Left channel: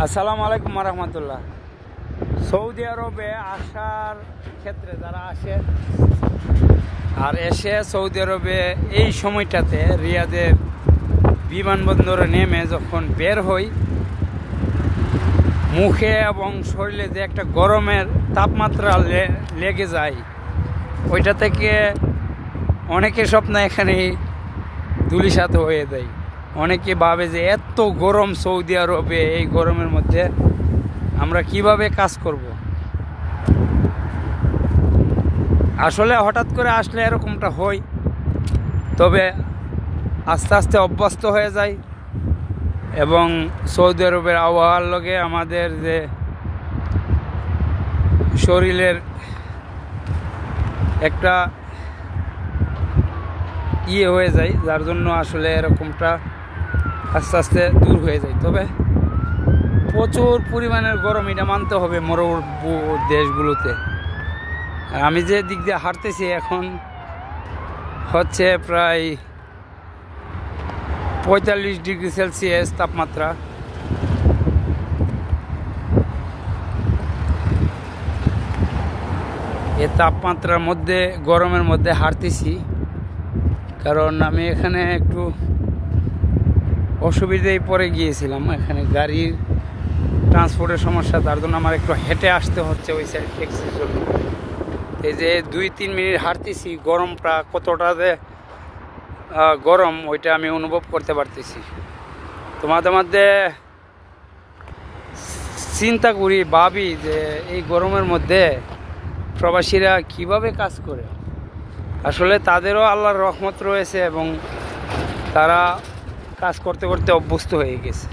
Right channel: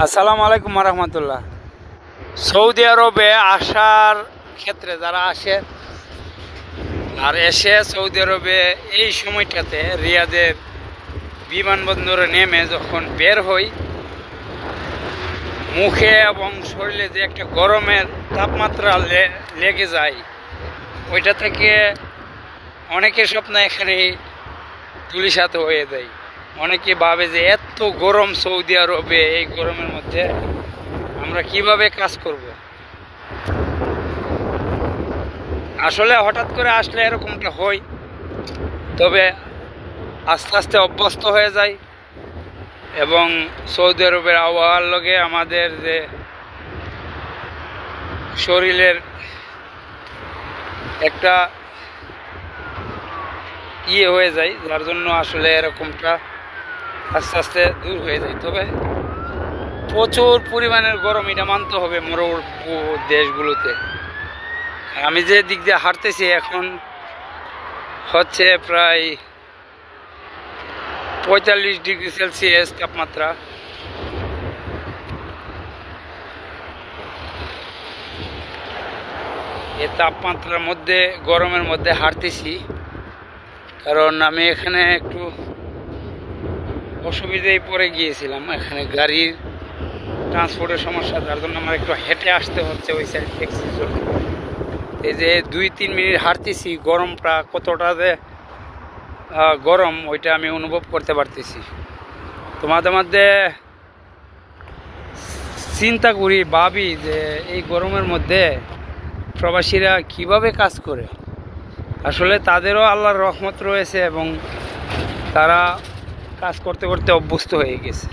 আসসালামু আলাইকুম রহমতুল্লাহ। সৌদি আরবে আসার ক্ষেত্রে যারা আসে আর এসে সৌদি আরবে এই সময়টাতে রিয়াদের বিমানবন্দরে নেমে যখন বের হই, মুখে এবং শরীরে যে একটা গরমের তাপমাত্রা লেগে যায়, ওইটা থেকে অনেকে স্বপ্ন এখানে ধূলিসাৎ হয়ে যায়। অনেকে ভাবে যে এত গরম সৌদি আরবে, এই গরমের মধ্যে আমরা কিভাবে কাজ করব। আসলে হঠাৎ করে আসলে এরকমটা হয়, তবে আস্তে আস্তে অভ্যস্ত হয়ে যায় এবং সৌদি আরবের আবহাওয়ার লগে আমাদের যে শরীরের একটা হয়ে যায়, যার জন্য আসলে এরকমটা আস্তে আস্তে দূর হয়ে যায়। তবে প্রচুর পরিমাণের গরম, এটা মানতে হবে মরুভূমি দেশগুলোতে। আমি যে দিক দিয়ে হাঁটতেছি এখন হচ্ছে প্রায় 45 ডিগ্রি সেলসিয়াস তাপমাত্রা। এই তাপমাত্রার মধ্যে, গরমের মধ্যে হাঁটতেছি, কারণ আমি এখানে একটু অসুবিধায় পড়ে গিয়েছিলাম। এখানে গাড়ির ট্রান্সপোর্টের সমস্যা, তার জন্য আমার একটু হেঁটে আসতে হচ্ছে ওই সাইড ট্যাক্সির জন্য। এই যে 2-3 মিনিট হাঁটতেছি, গরমটা কতটা যে গরম ওইটা আমি অনুভব করতে পারতেছি। তো মাঝে মধ্যে চিন্তা করি, ভাবি যে এই গরমের মধ্যে প্রবাসীরা কিভাবে কাজ করে। আসলে তাদেরও আল্লাহর রহমত রয়েছে এবং তারা কাজ করতে করতে অভ্যস্ত হয়ে গেছে।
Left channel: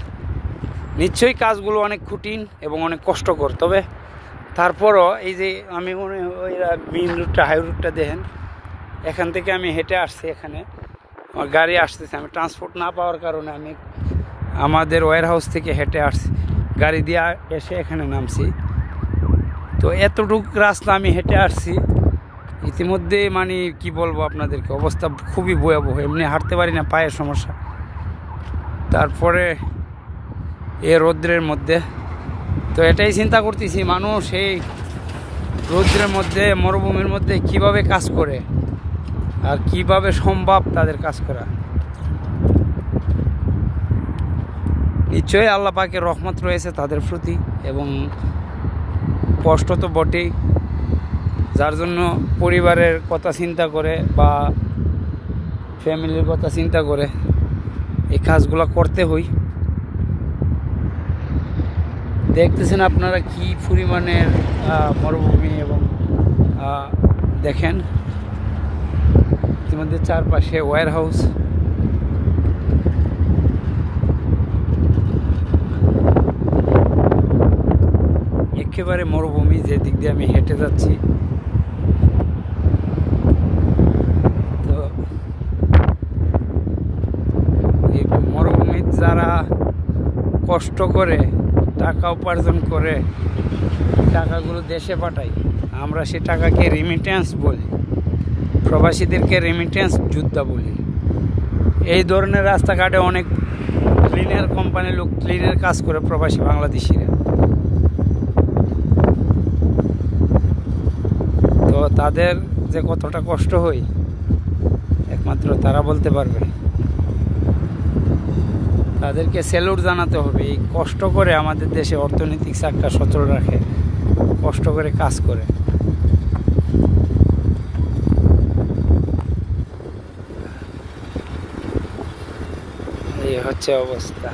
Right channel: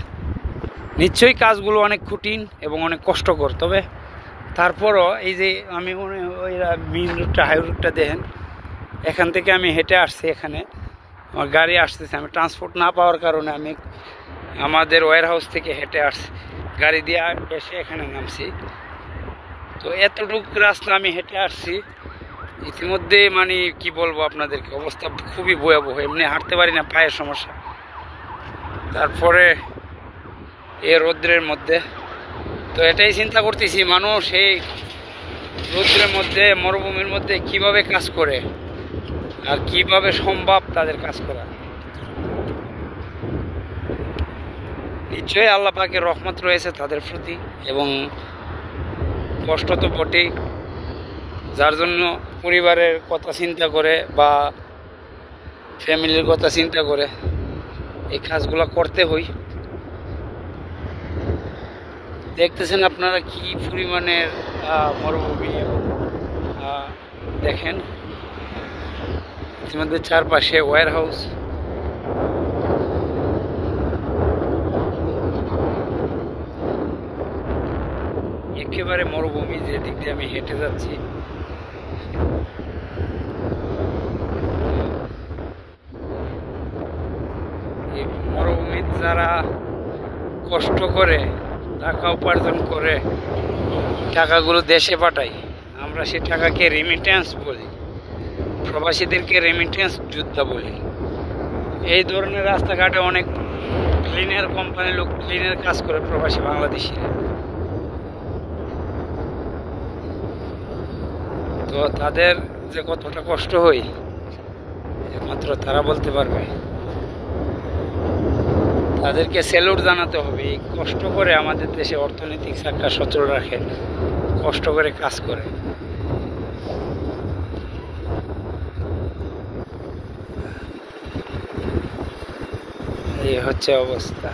নিশ্চয়ই কাজগুলো অনেক কঠিন এবং অনেক কষ্টকর, তবে তারপরও এই যে আমি ওই মেইন রুটটা, হাই রুটটা দেখেন, এখান থেকে আমি হেঁটে আসছি। এখানে আমার গাড়ি আসতেছে, আমি ট্রান্সপোর্ট না পাওয়ার কারণে আমি আমাদের ওয়্যার হাউস থেকে হেঁটে আসছি, গাড়ি দিয়ে এসে এখানে নামছি। তো এতটুকু রাস্তা আমি হেঁটে আসছি, ইতিমধ্যে মানে কি বলবো আপনাদেরকে, অবস্থা খুবই ভয়াবহ। এমনি হাঁটতে পারি না, পায়ের সমস্যা। তারপরে এ রৌদ্রের মধ্যে তো এটাই চিন্তা করতেছি, মানুষ এই রৌদ্রের মধ্যে, মরুভূমির মধ্যে কিভাবে কাজ করে আর কিভাবে সম্ভব তাদের কাজ করা। নিশ্চয়ই আল্লাহ পাকের রহমত রয়েছে তাদের প্রতি, এবং কষ্ট তো বটেই, যার জন্য পরিবারের কথা চিন্তা করে বা ফ্যামিলির কথা চিন্তা করে এই কাজগুলো করতে হয়। দেখতেছেন আপনারা কি পরিমাণের মরুভূমি, এবং দেখেন ইতিমধ্যে চারপাশে ওয়্যার হাউস। একেবারে মরুভূমি, যে দিক দিয়ে আমি হেঁটে যাচ্ছি। এই মরুভূমিতে যারা কষ্ট করে টাকা উপার্জন করে টাকাগুলো দেশে পাঠায়, আমরা সে টাকাকে রেমিটেন্স বলি, প্রবাসীদেরকে রেমিটেন্স যোদ্ধা বলি। এই ধরনের রাস্তাঘাটে অনেক ক্লিনার কোম্পানির লোক ক্লিনের কাজ করে, প্রবাসী বাংলাদেশিরা। তো তাদের যে কতটা কষ্ট হয় একমাত্র তারা বলতে পারবে। তাদেরকে স্যালুট জানাতে হবে। এই কষ্ট করে আমাদের দেশে অর্থনৈতিক চাকা সচল রাখে, কষ্ট করে কাজ করে। এই হচ্ছে অবস্থা।